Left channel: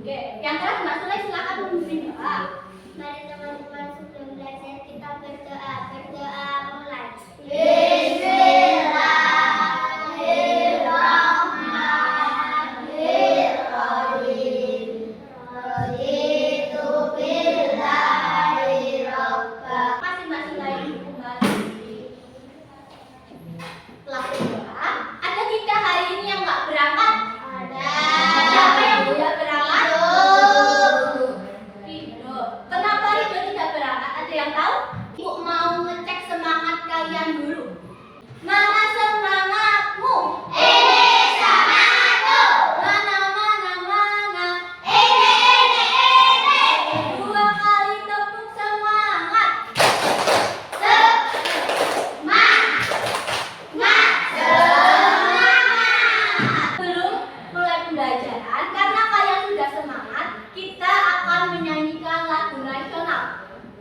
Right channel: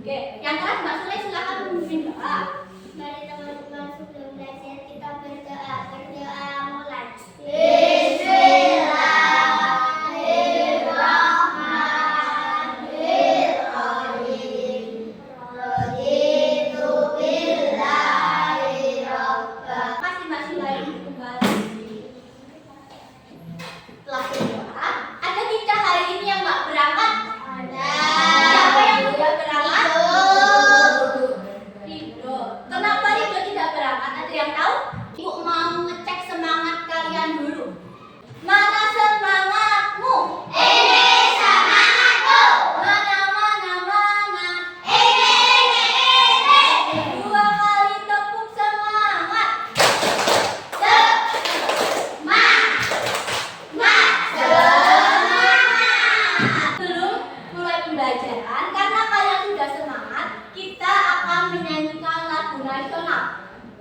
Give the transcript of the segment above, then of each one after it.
Oke, yang keras Mbak Sule silakan memimpin doa. Mari teman-teman sudah belajar, kita berdoa. Berdoa mulai.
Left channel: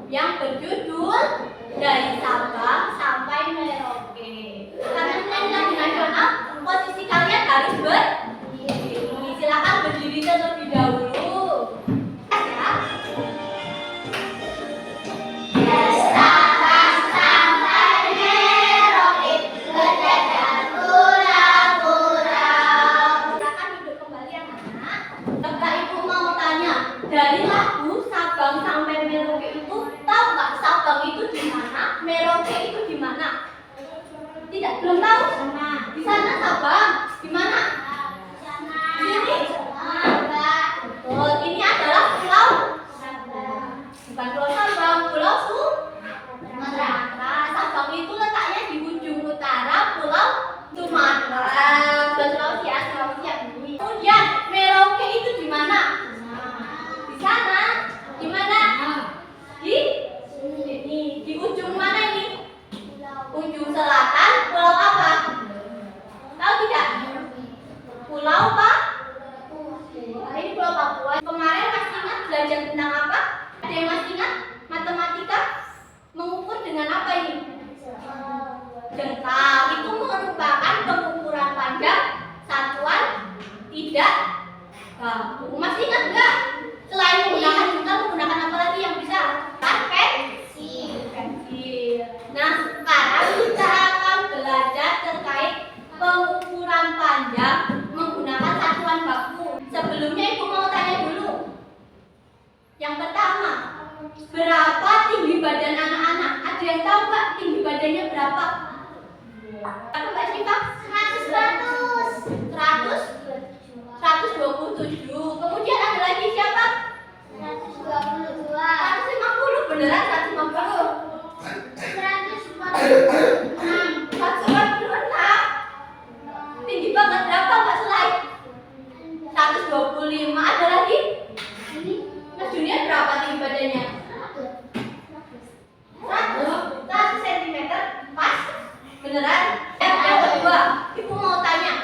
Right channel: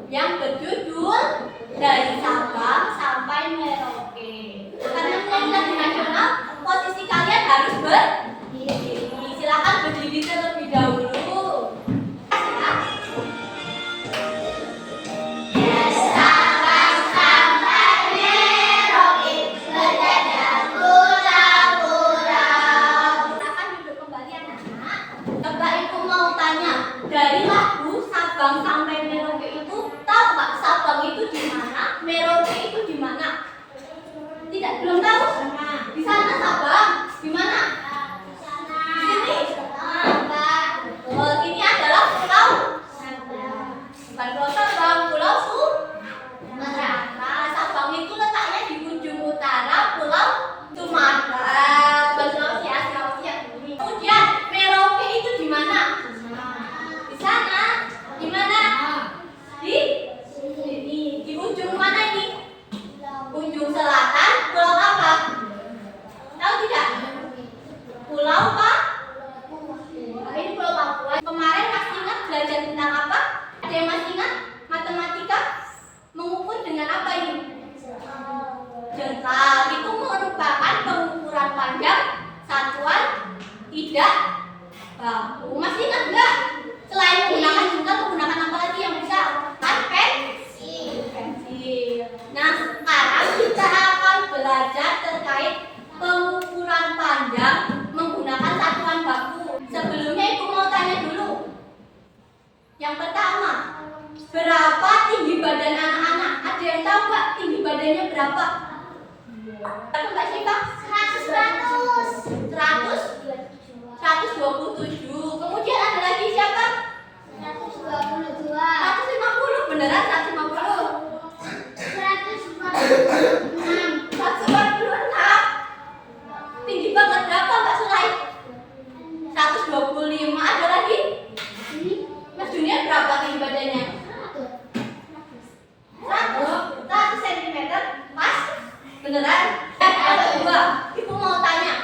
Yang berjudul Dari Sabang Sampai Merauke. Karena menyanyi lagu nasional, posisi kalian harus berdiri. Silakan berdiri terlebih dahulu. Dari lagu Sabang sampai Merauke itu, tahu nggak Sabang itu di mana, Merauke itu di mana? Tidak, belum tahu? Di sana Sabang, di mana? Di sini. Betul. Ini adalah pulau Sabang. Bukan pulau Sabang, pulau Sumatera. Nah, Sabang itu letaknya di ujung utara pulau Sumatera. Sulawesi Asia ini. Kemudian Merauke itu di mana? Sana, di mana? Di sini. Di ujung mana ini? Ujung selatan. Pulau apa? Tahu tidak? Pulau apa? Ini Pulau Papua. Kemarin masih ingat belajar tentang apa? Ada yang masih ingat? Matematika mengukur dengan apa ini? Jengkal. Itu merupakan pengukuran panjang satuan tidak baku. Masih ingat enggak? Selain menggunakan jengkal, menggunakan apa lagi yang bisa? Pensil. Nah, sekarang kita akan belajar terkait pengukuran panjang menggunakan satuan baku. Sebelumnya Ibu mau tanya dulu. Yang pertama, berapa tinggi badan anak-anak? Ada yang tahu nggak tinggi badannya berapa? Berapa Mbak Syifa? 127. Kemudian ada lagi siapa? 122. 150. Beneran 150? 146. Tinggi banget. Berapa Mbak Sulai? 125. Ada lagi? Mas Junior berapa tinggi badannya? 100 cm. Pas? Beneran? Yang kedua, Ibu mau tanya,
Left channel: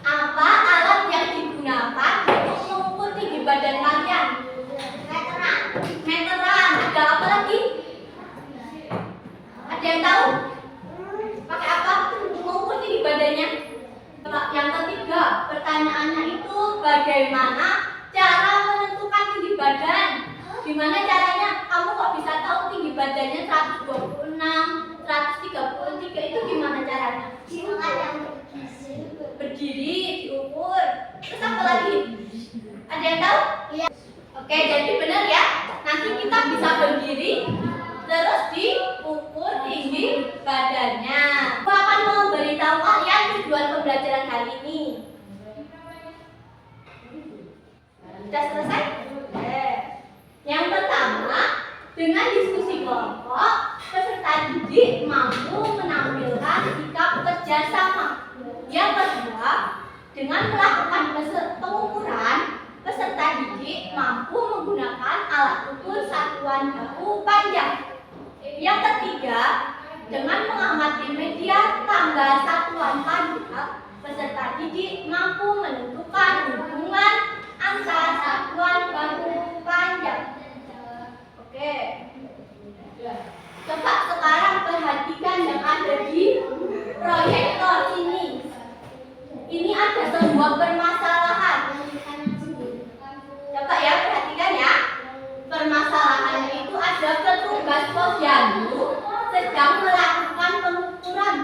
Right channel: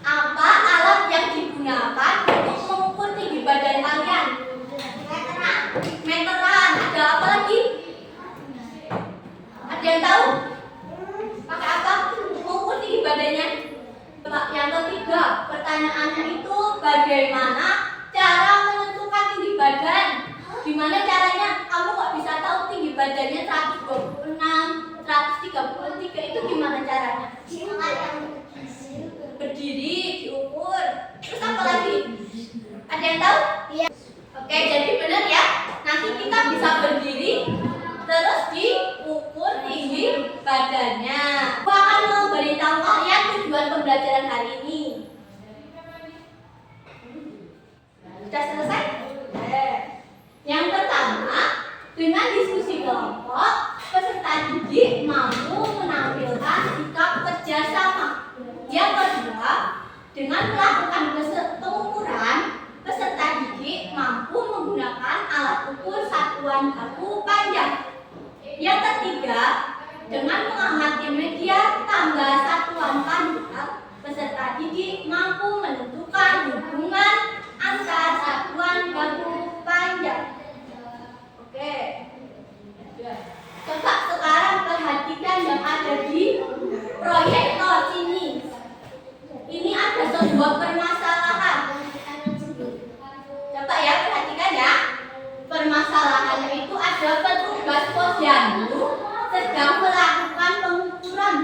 apa alat yang digunakan untuk mengukur tinggi badan kalian? Meteran. Ada apa lagi? Ada yang tahu? Pakai apa mengukur tinggi badannya? Yang ketiga, pertanyaannya itu bagaimana cara menentukan tinggi badan? Gimana caranya? Kamu kok bisa tahu tinggi badannya 126, 133 itu gimana caranya? Berdiri, diukur. Terus apa lagi? Ada yang tahu? Iya. Oke, jadi benar ya. Nanti kita bisa berdiri, terus diukur tinggi badannya. Aku akan memberitahu kalian tujuan pembelajaran hari ini. Sudah selesai? Yang pertama, dengan diskusi kelompok, peserta didik mampu menampilkan sikap kerjasama. Yang kedua, dengan melakukan pengukuran, peserta didik mampu menggunakan alat ukur satuan baku panjang. Yang ketiga, dengan mengamati media tangga satuan panjang, peserta didik mampu menentukan hubungan antara satuan baku panjang. Oke. Coba sekarang perhatikan yang ada di proyektor sini. Ini ada sebuah permasalahan. sedang melakukan pengukuran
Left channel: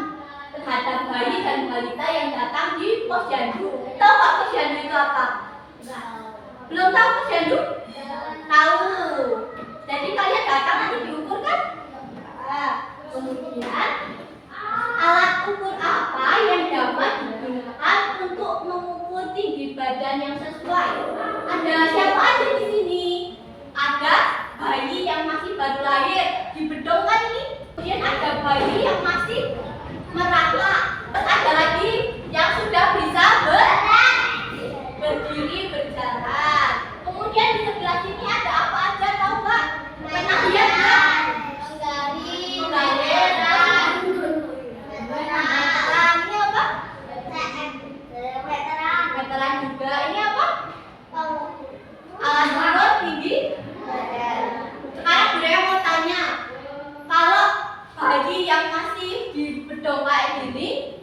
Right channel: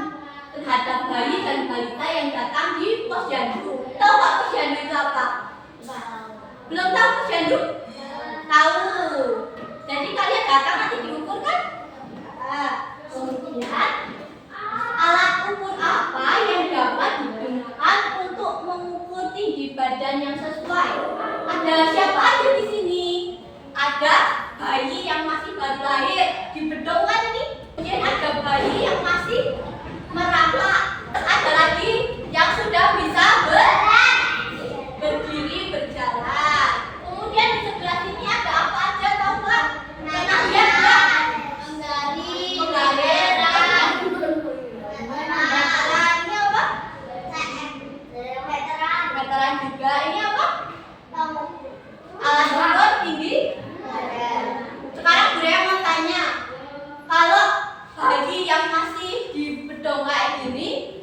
terhadap bayi dan balita yang datang di posyandu. Tahu nggak posyandu itu apa? Belum tahu posyandu? Tahu. Jadi kalian datang nanti diukur kan? Nah, kemudian alat ukur apa yang dapat digunakan untuk mengukur tinggi badan yang sesuai? Ada siapa aja di sini? Ada bayi yang masih baru lahir di bedong kan ini? Kemudian ada bayi yang masih merangkak. Ada lagi yang sudah bisa berdiri berjalan. Kemudian di sebelah sini ada apa aja tahu nggak? Pernah lihat nggak? Penggaliran. Ini apa? Meteran juga. Ini apa? Alat ukur tinggi. Sekarang Bunda mau tanya, kalau bayi yang masih di bedong kayak gini,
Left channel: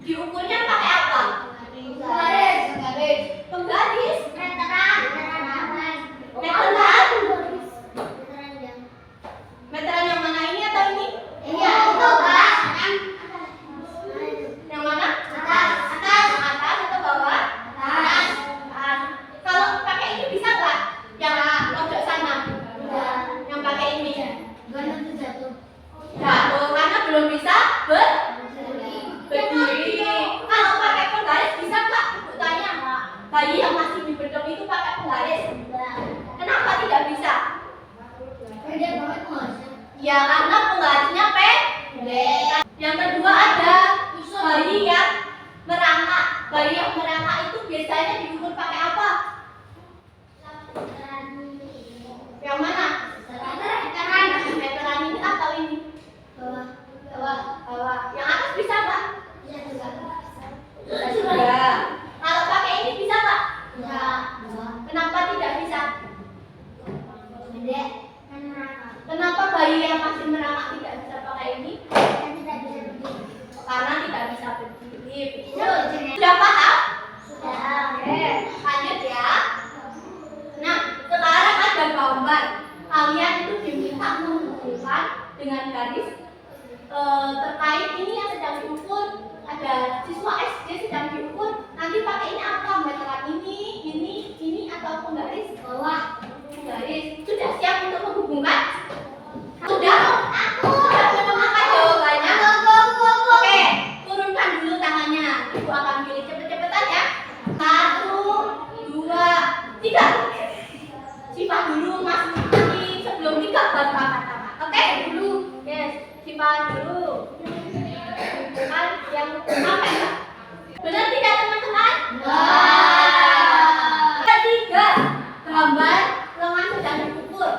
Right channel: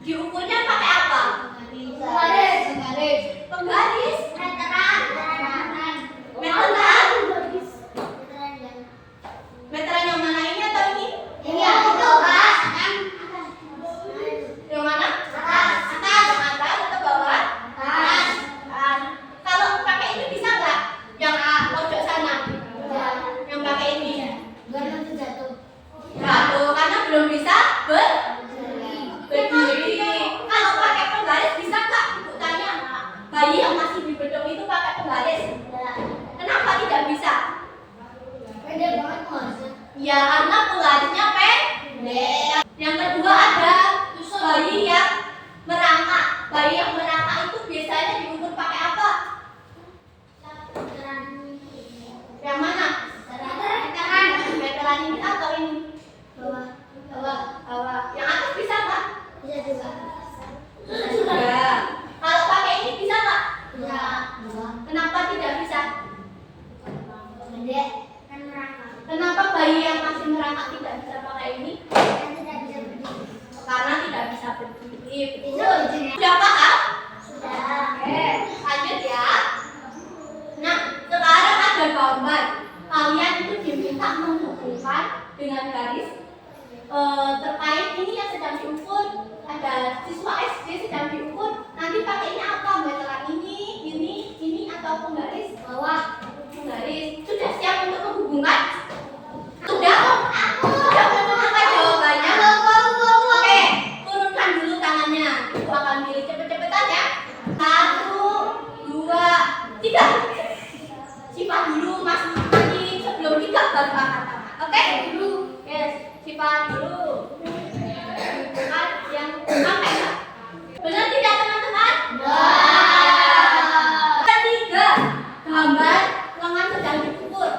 diukurnya pakai apa? Penggaris. Meteran yang mana, ini atau ini? Yang mana? Atas atau bawah? Atas. Kalau pakai ini bisa nggak? Yang pojok sana? Yang pakai ini? Jatuh karena belum bisa berdiri. Kalau pakai penggaris bisa nggak? Ibu tanya. Bayi yang masih di bedong itu pakai penggaris. Kenapa tidak bisa? Ya karena penggarisnya pendek. Yang kedua ada bayi yang merangkak. Bayi yang merangkak itu biasanya diukur pakai apa? Yang mana? Meteran ini atau ini? Bawah. Yang atas bisa nggak? Bisa juga. Kalau pakai ini bisa nggak? Kenapa tidak bisa? Kenapa bayi yang masih merangkak tidak bisa pakai ini? Karena tidak bisa berdiri. Sudah paham? Oke, lanjut ya. Nah, sekarang ada gambar. Kalian itu diminta menghubungkan dengan garis terkait ini yang sedang diukur. Ada siswa SD sedang diukur. Nanti pakai ini apa? Meteran ini atau penggaris? Penggaris. Sudah siap untuk menghubungkan? Sudah menemukan jawabannya? Oke, turunkan dulu tangannya. Ibu akan pilih cepet-cepetan ya. 1, 2, 3. Simpan dulu Mas Mani sebelum 3 baru angkat tangan. Oke? Yes, simpan dulu. Kan yang sampai enggak? Benar tidak teman-teman? Ketiga, gambar lengan sedang diukur.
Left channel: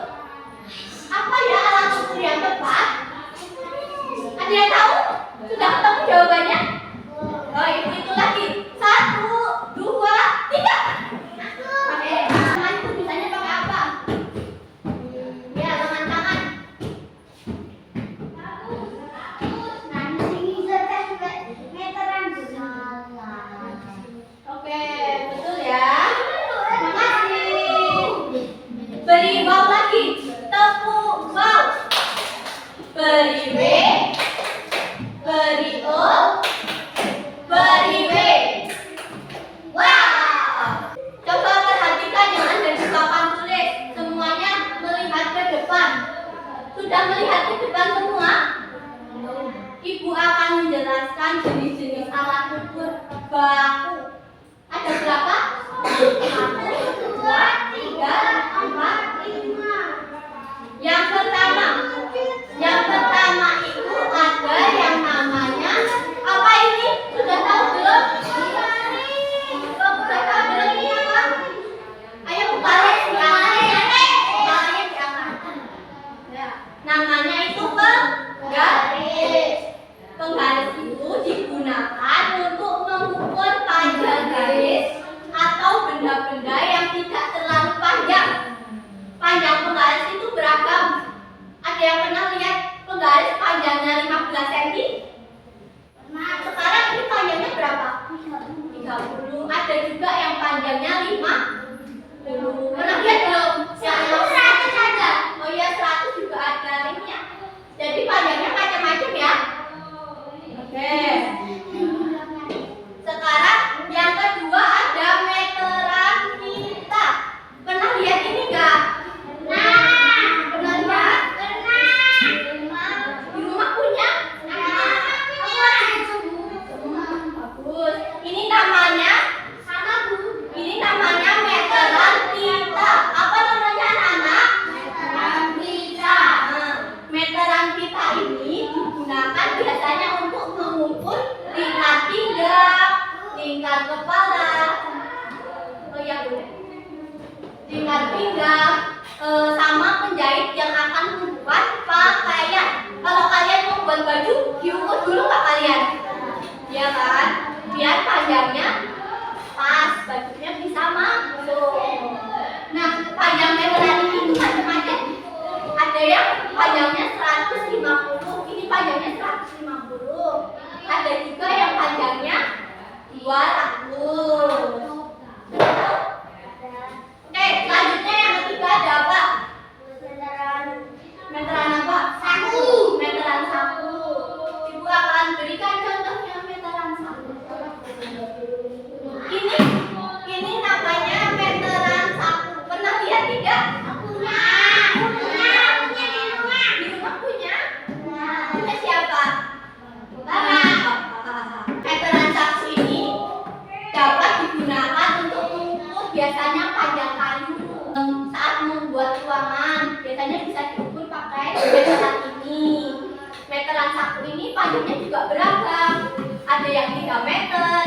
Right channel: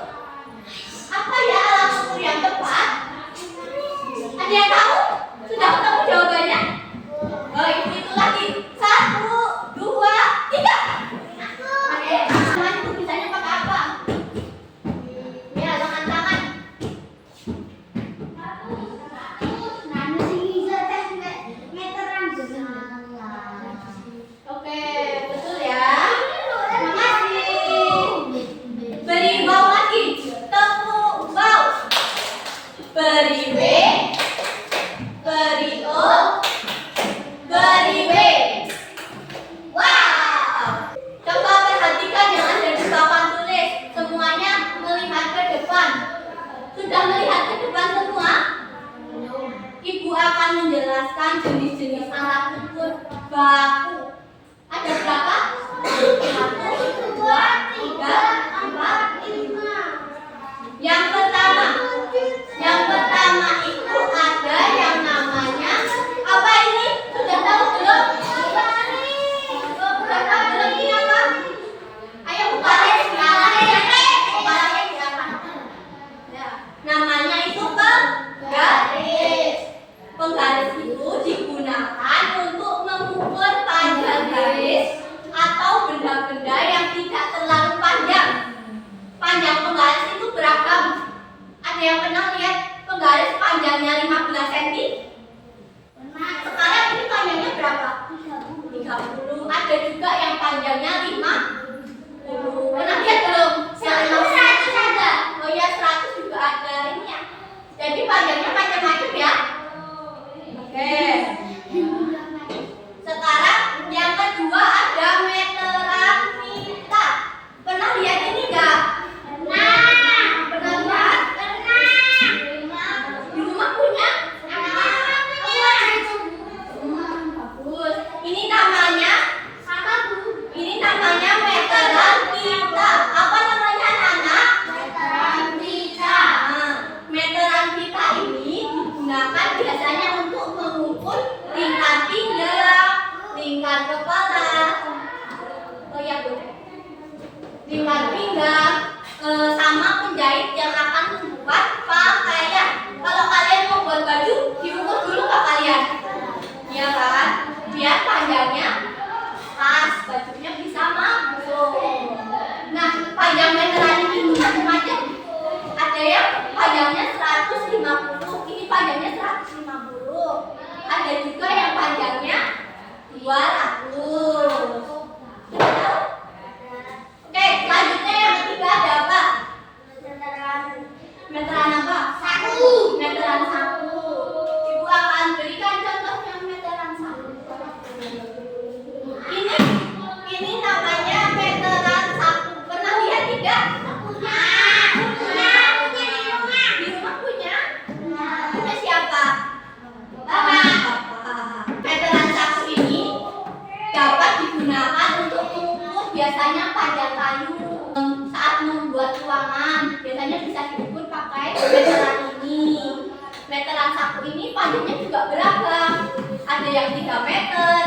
Apa ya alat ukur yang tepat? Ada yang tahu? Sudah ketemu jawabannya? Oh, itu lagi. 1, 2, 3. Oke, tangan itu bisanya pakai apa? Ya, lengan tangan. Oke, betul ya. Makasih. Beri bau lagi. Tepuk bau. Beri W. Beri O. Beri W. Wow. Coba perhatikan yang ada di papan tulis. Semuanya melihat ke depan. Sudah melihat ke depan semua? Ibu akan menjelaskan jenis-jenis alat ukur baku. Ada berapa? 1, 2, 3, 4, 5. Yang pertama itu ada yang namanya apa ini? Sudah tahu belum? Sudah tahu belum ini apa? Ayo bukain ya. Namanya itu penggaris. Penggaris itu digunakan untuk mengukur panjang garis kepala. Oh ya boleh. Lipat pinggang sama penjahit yang akan membuat pakaian. Kalau kalian mau buat baju, diukur dulu nggak kalian? Iya kan? Biar panjangnya pas, bajunya bisa masuk. Nah, panjang meteran ini tuh macam-macam. Ada yang panjangnya 150, ini panjangnya 150. Ada juga yang panjangnya 200. Oke, selanjutnya yang ketiga ada apa? Meteran apa? Saku. Meteran saku. Ibu akan berikan contohnya meteran saku. Ini namanya meteran saku. Pernah lihat tidak? Punya di rumah. Di rumah punya? Punya siapa? Bapak. Meteran saku ini dapat digunakan untuk mengukur biasanya panjang kayu. Saat membuat ruangan, biasanya bisa diukur pakai meteran ini. Meteran saku ini panjangnya juga beragam. Ada yang 3 meter,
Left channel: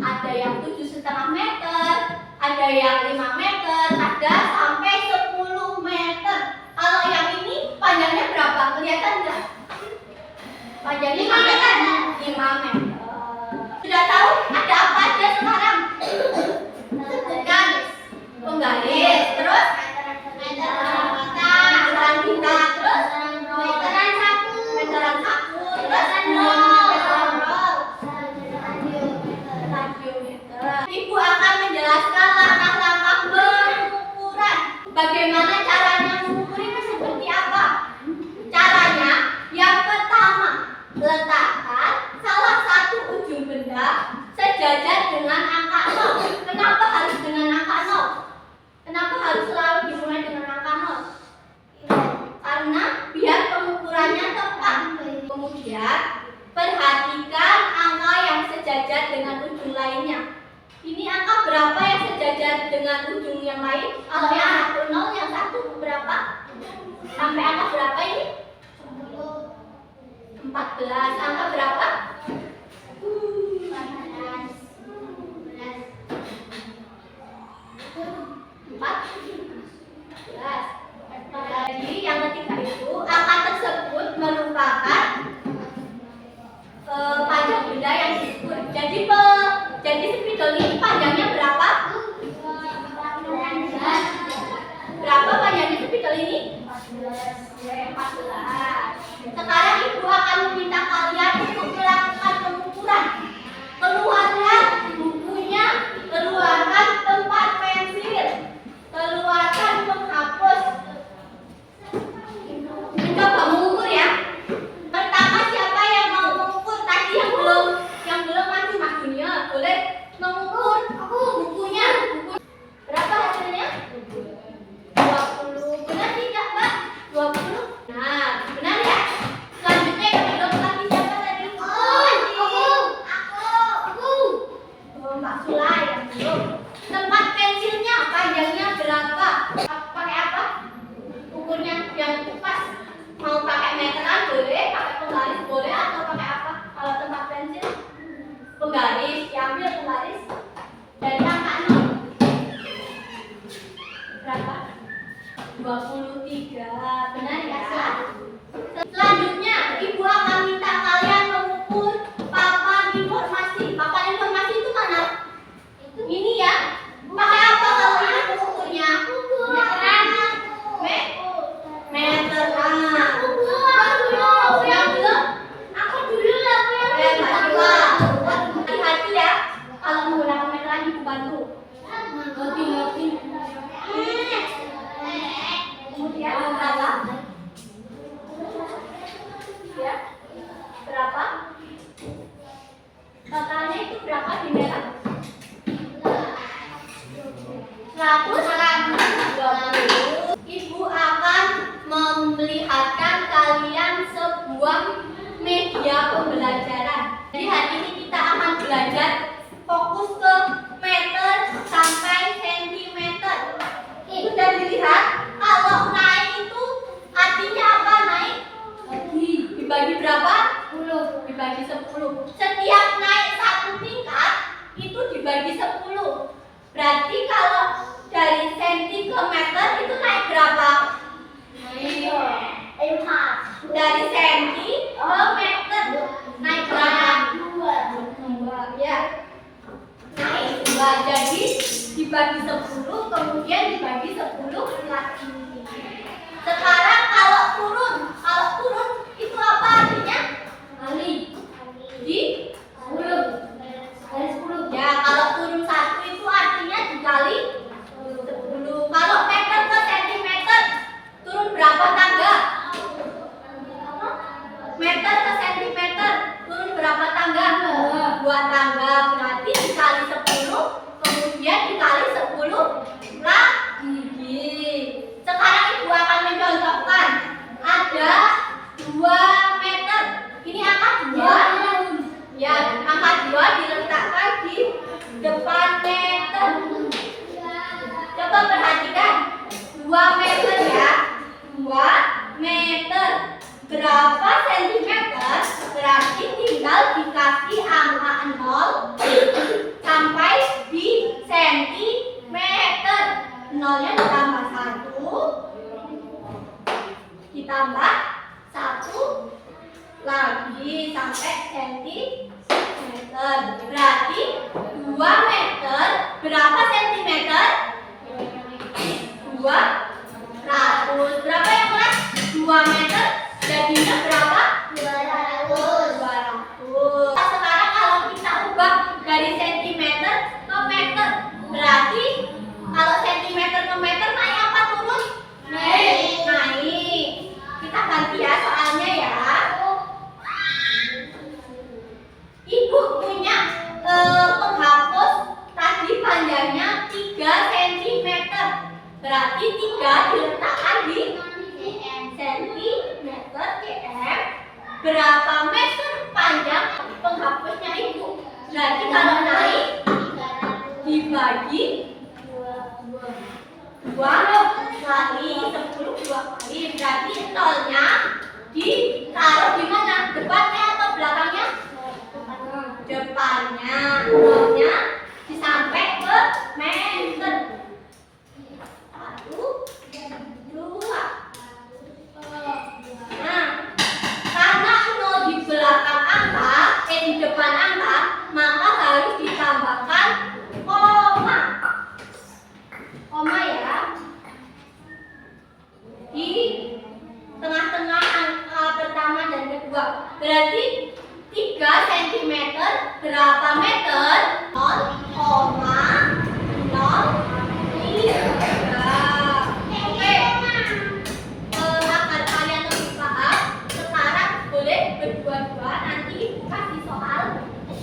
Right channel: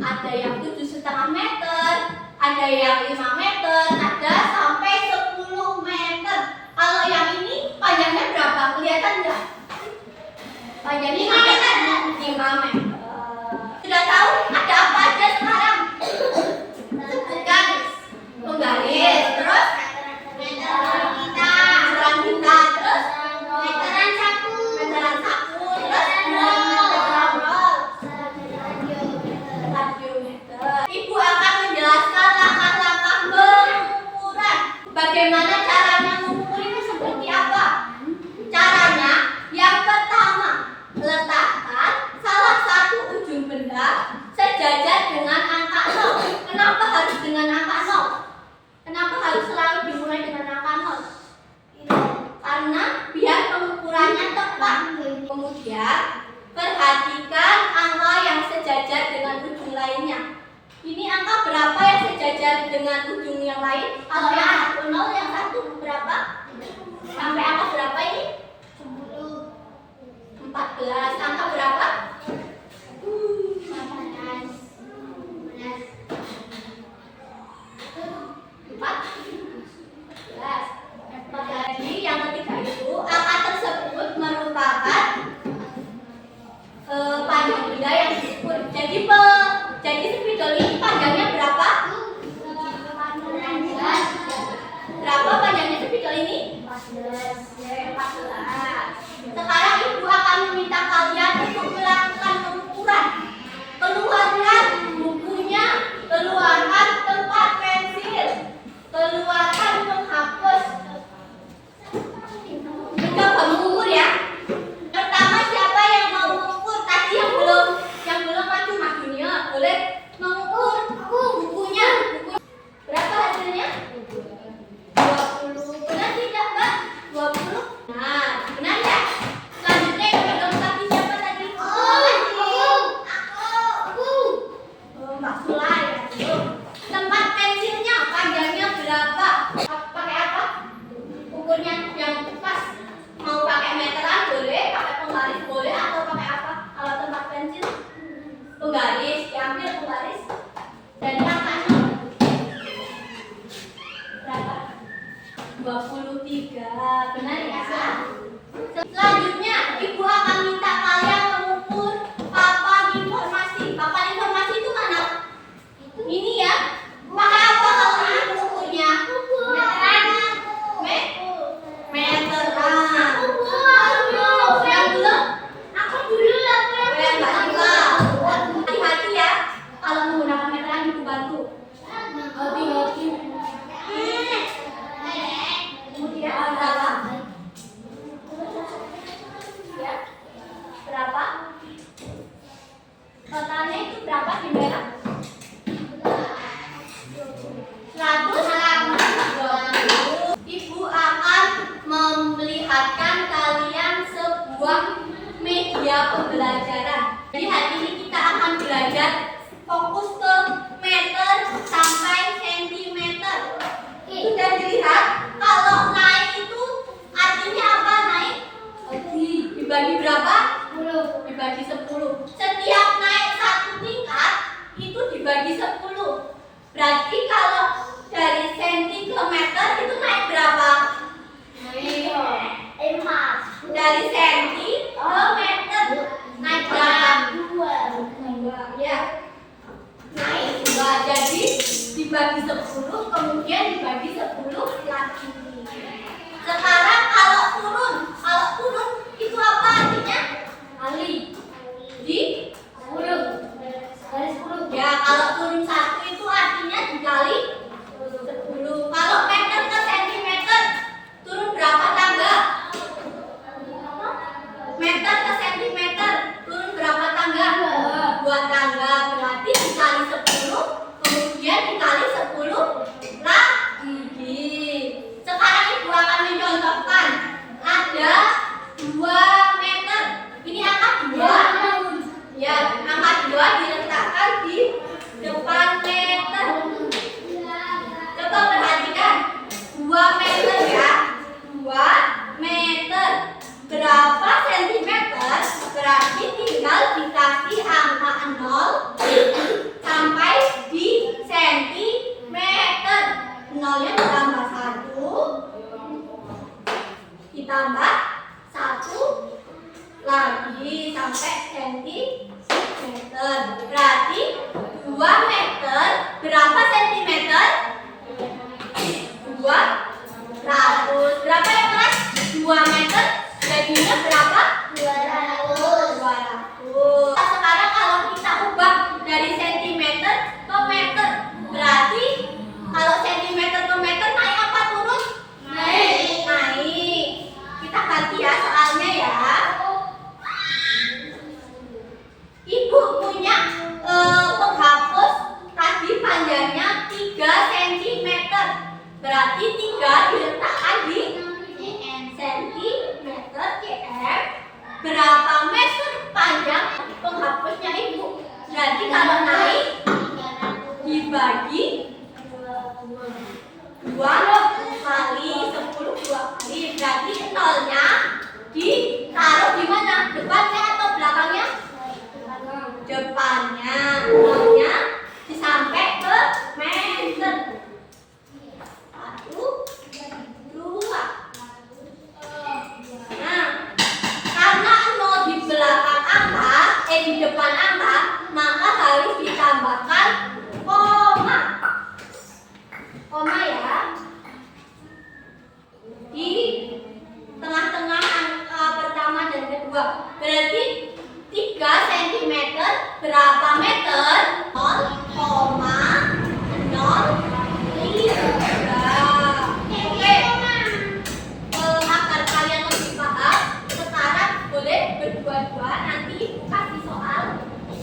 ada yang 7,5 meter, ada yang 5 meter, ada sampai 10 meter. Kalau yang ini panjangnya berapa? Kelihatan nggak? Panjangnya 5 meter. 5 meter. Sudah tahu ada apa aja sekarang? Sebutkan. Penggaris, terus meteran kita, terus meteran saku, terus meteran roll, radiometer. Ibu akan menjelaskan langkah-langkah pengukuran. Bagaimana caranya mengukur itu seperti apa? Caranya yang pertama, letakkan salah satu ujung benda sejajar dengan angka 0. Kenapa harus dengan angka 0? Kenapa harus selalu dimulai dengan angka 0? Karena biar pengukurannya tepat. Kemudian perhatikan angka yang sejajar dengan ujung lainnya. Ini angka berapa yang sejajar dengan ujung yang lain? Kalau yang satu 0, yang satu berapa? Sampai angka berapa ini? 14. Angka berapa? 14. Jadi yang ketiga itu angka tersebut merupakan panjang benda yang diukur. Jadi spidol ini panjangnya berapa? 14. Berapa panjangnya spidol ini? 14. Sekarang ibu akan meminta kalian untuk melakukan pengukuran. Keluarkan bukunya, keluarkan tempat pensil, keluarkan penghapus. Mencoba mengukur ya. Pertama siapa yang mau mengukur? Tadi yang belum maju Mas Dunia, boleh mengukur bukunya. Berapa hasilnya? 20. Benar tidak, Mbak? 20. Nah, benar ya? Selanjutnya yang belum tadi siapa tadi? Aku. Mbak Sulai ya, belum. Tempat pensilnya panjangnya berapa? Pakai apa? Ukurnya yang pas. Mau pakai meteran boleh, pakai penggaris boleh, atau pakai apa? Kalau tempat pensil penggaris, diambil penggaris dari angka 0. Berapa? 23. Benar ya? Selanjutnya, ibu akan minta kalian mengukur papan informasi. Papan informasi itu mana? Ini ya. Pakai apa kalau ini mengukurnya? Meteran. Meteran. Yang belum? Aku dulu lah. Hati-hati ya. Kalau menggunakan meteran ibu bantu. Hati-hati. Kemudian adalah ya, berapa? Totalnya itu berapa di merah? 120. Ibu akan memperlihatkan kalian sebuah media pembelajaran. Jadi hari ini kita akan belajar fokus ke meter sampai sentimeter. Sudah dilihat? Kalau naik itu artinya apa naik? Dibagi berapa? 10. Dibagi 10. Setiap naik satu tingkat itu dibagi 10. Berarti kalau dari senti ke meter itu naik berapa? Dari senti ke meter naik berapa? 2. Ya. Naik 2. Jadi dibagi 10 kemudian dibagi 10 lagi. Sekarang kalau turun itu apa artinya? Kali. Di 10. Ya, kalau turun 1 itu artinya dikali 10. Kalau meter ke sentimeter turun berapa tangga? Meter ke sentimeter turun berapa tangga? 2 tangga. Berarti dikali 10 kemudian dikali 10 lagi. Sekarang ibu akan mencontohkan ada 2 meter. Ini angka 2. Ya, angka 2 diletakkan di depan meter. Coba perhatikan 2 meter ya. 2 meter berapa sentimeter? Berarti tinggal dikasih angka 0 sampai di sentimeter. 0-nya ditambah 1 ditambah 1 lagi sampai sentimeter. Berarti 2 meter berapa sentimeter? 200. Berapa yang kelas? 2 meter jadinya berapa? 200. Sekarang kalau kita ubah dari sentimeter ke meter, berarti kalau sentimeter ke meter naik apa turun? Naik. Kita ganti ya soalnya ya. Ibu punya penghapus tadi panjangnya 3 cm. Berarti 3 diletakkan di sentimeter cm. Berapa meter panjang penghapusnya ibu? Berarti kalau naik dibagi 2 kali 10 2 kali. Berarti 0-nya ditaruh di mana? Depannya atau belakangnya? Depannya. 0-nya disampai ke meter. 1 2. Nah, karena 0 di belakang angka, di depan angka, maka harus ditambahkan koma. Koma ya. Di tengah-tengah angka pertama dan kedua. Berarti 3 cm berapa meter? 0,03. Oke. Agar kalian lebih paham, sekarang boleh berdua-dua nanti ibu kasih soal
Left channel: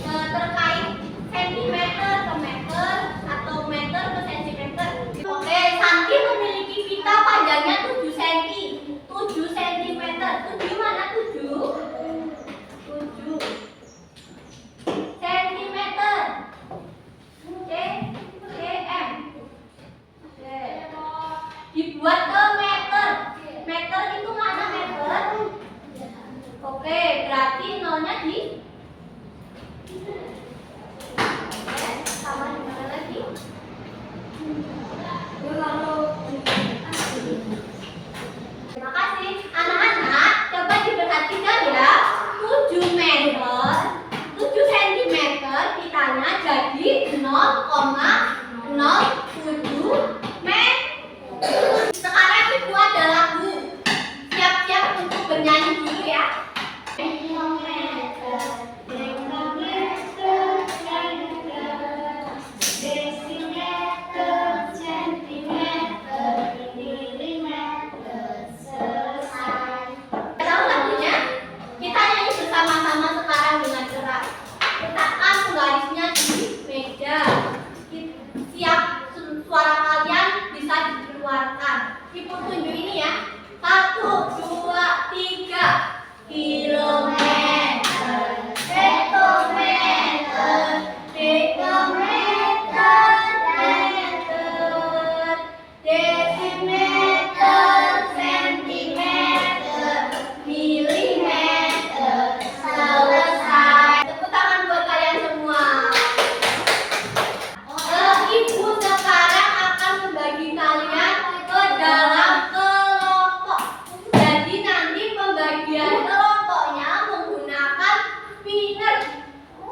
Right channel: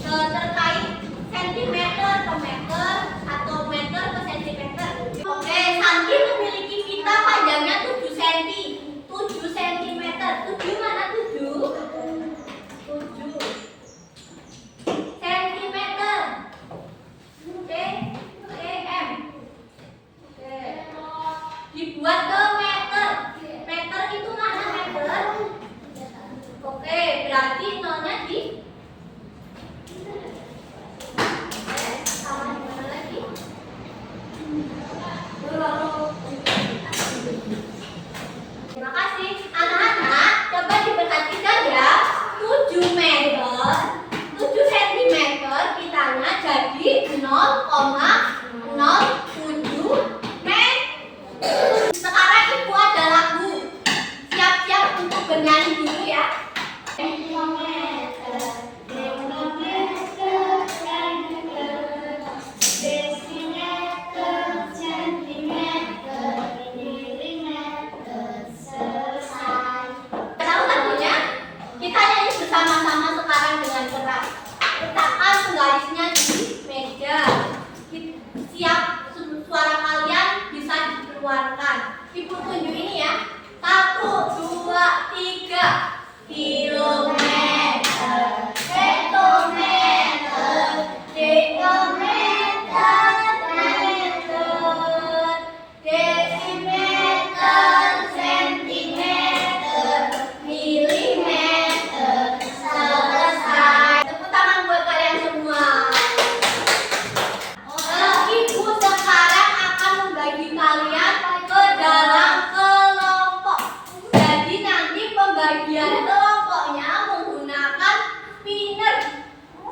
terkait sentimeter ke meter atau meter ke sentimeter. Oke, Santi memiliki pita panjangnya 7 cm. 7 cm. 7 mana 7? 7 cm. Oke. spinner.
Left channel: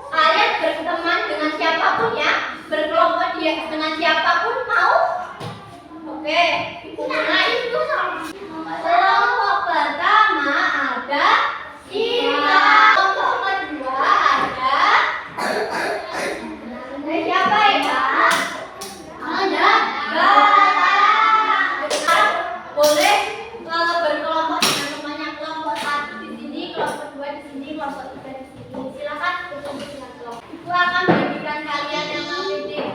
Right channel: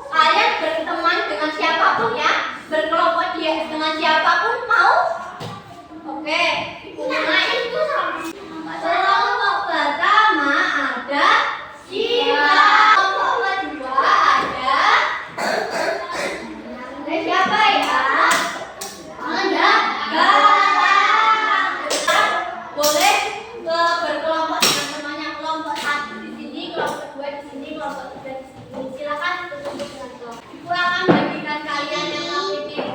Kalian berteman dengan siapapun ya, berkelompok dengan siapapun mau? Oke, mulai. Kelompok pertama ada Sinta. Kelompok kedua ada siapa ya? Ada Gara. Boleh berkelompok dengan temannya, kelompok satu di sini, kelompok dua di sini, kelompok tiga di sini. Silakan berkumpul dengan kelompok. Ibu akan memberikan kalian yang KPD ya.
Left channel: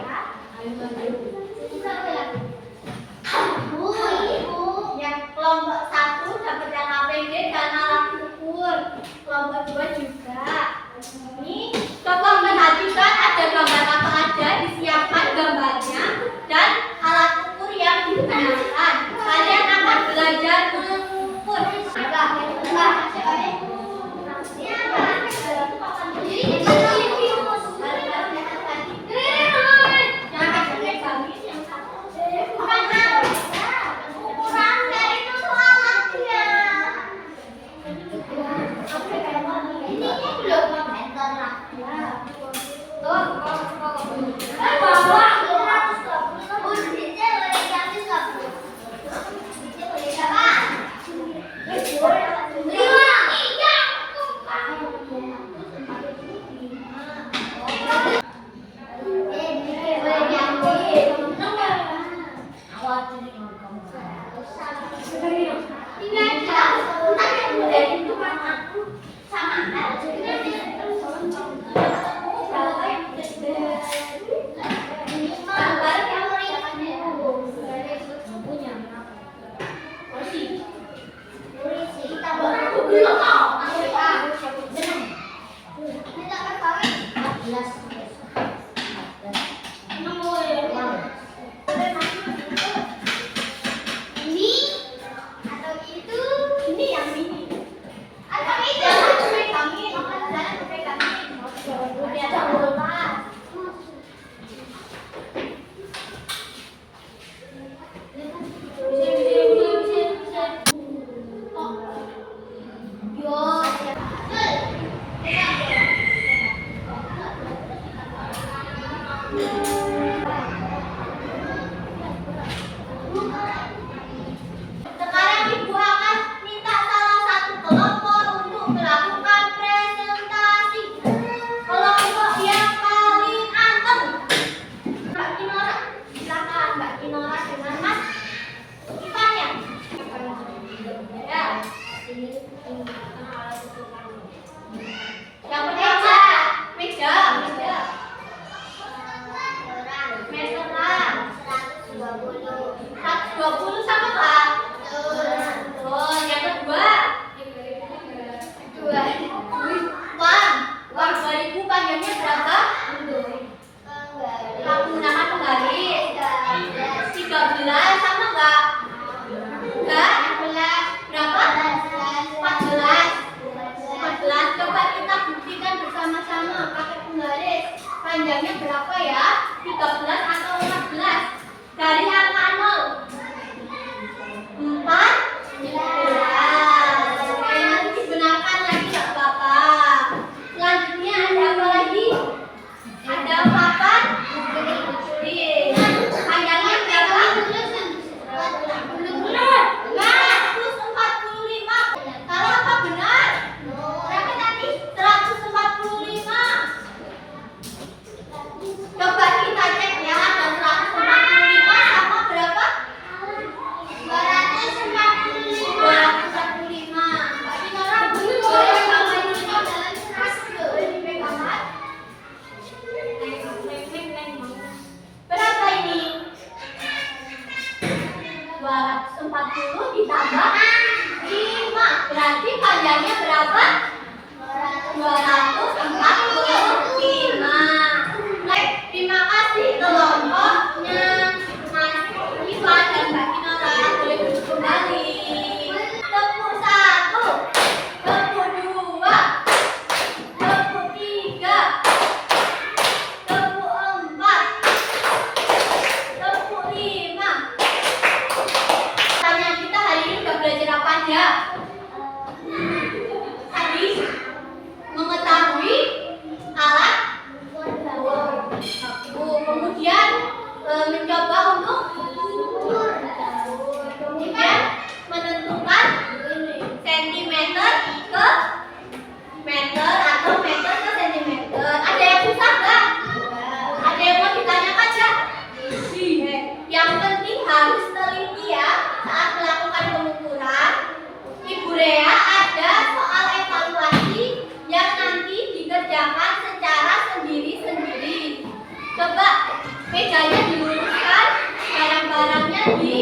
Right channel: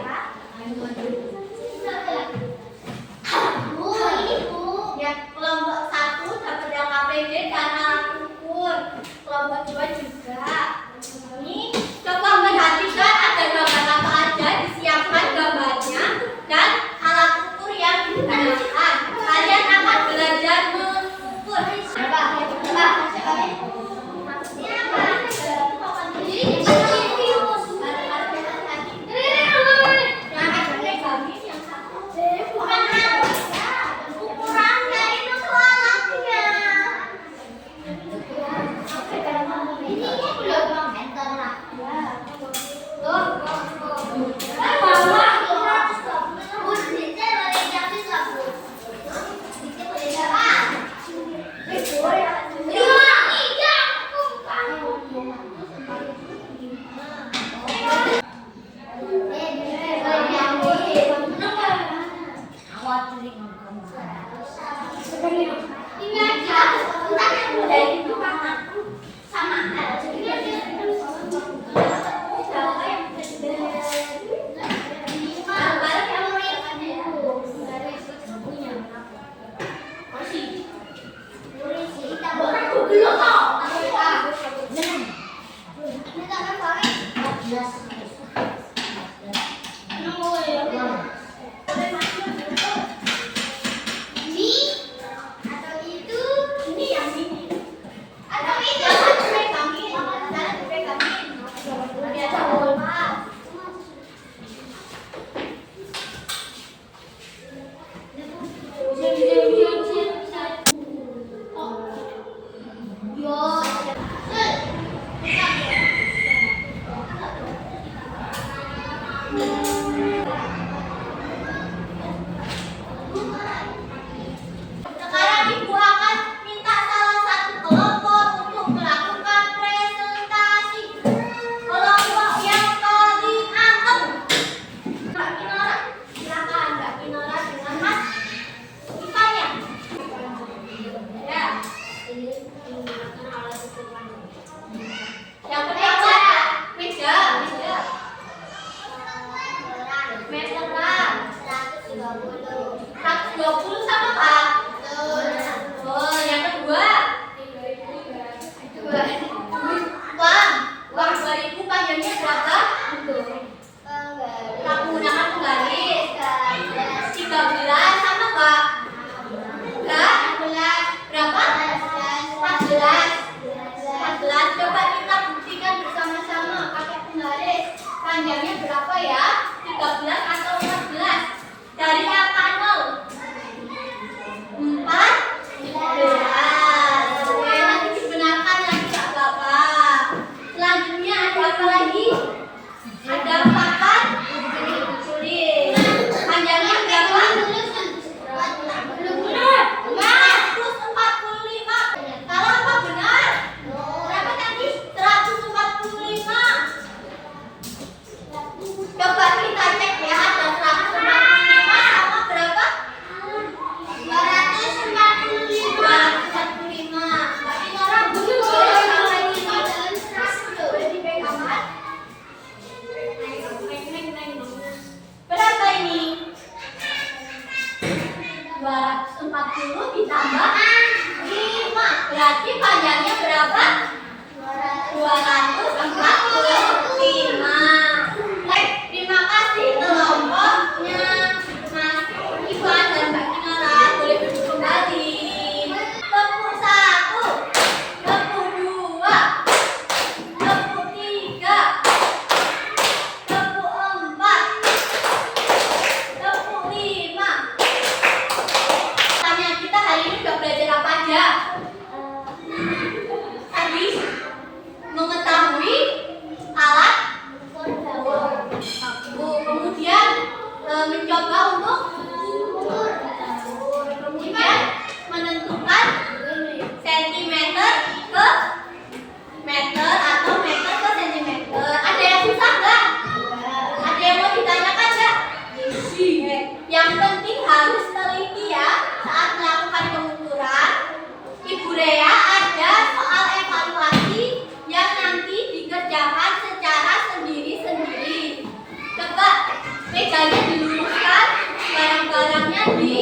Ya, kelompok satu dapat yang KPD dan alat ukur. Kelompok dua juga. Ini coba perhatikan ada gambar apa aja, disiapkan gambarnya dan alat ukur yang digunakan. Kalian akan belajar mengukur. Sekarang ibu akan minta salah satu kelompok untuk melakukan presentasi. Kelompok yang paling anteng, Mbak Kinora. Silakan Mbak Kinora dengan Mas Ivan ya. Ya. Yang pertama meja. Meteran 120 sama Kak? Oh, yang kedua uang 2000 panjangnya berapa? Kita menggunakan penggaris 13 sama Kak? Enggak? Berapa? 14. Coba kita buktikan bersama-sama pakai penggaris. Panjangnya berapa ya? 13 atau 14? Dari angka 0. 14. Oke, nanti dibenarkan lagi Kak Bapak. Selanjutnya ada apa lagi? Ada 4 sulit. Panjangnya berapa? 145. Salah apa benar? Berapa tadi? 145. Coba kita cek ya, ada dikerjakan secara sendiri-sendiri. Coba mejanya diluruskan, barang-barangnya di